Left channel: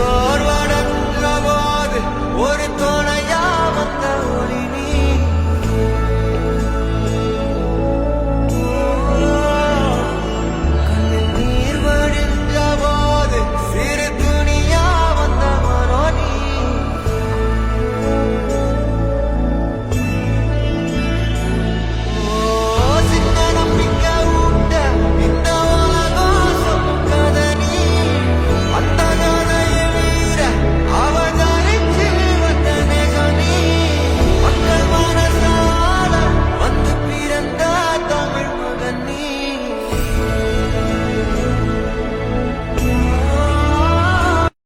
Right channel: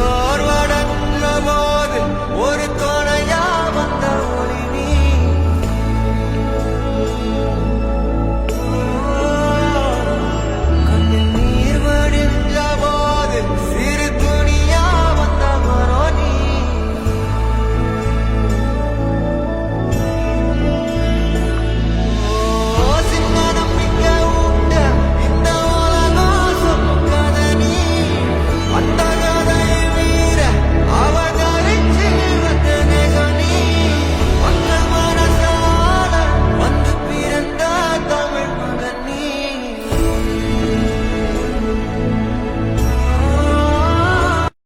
சோர்வடைஞ்ச போது ஒரு துணையா வந்த ஒளி நீ. கண்ணில் நீர் வடிஞ்ச போது சிறு துணியா வந்தவனோ நீ. சின்ன நம்பிக்கை ஊட்ட இந்த உலகம் சொல்லும் கதை நீ. அந்த கதையை வீர அவதரிச்சு வந்த நேசம் நீ. மக்கள் மனசால வந்து பிறந்த தமிழ் மகன் நீ.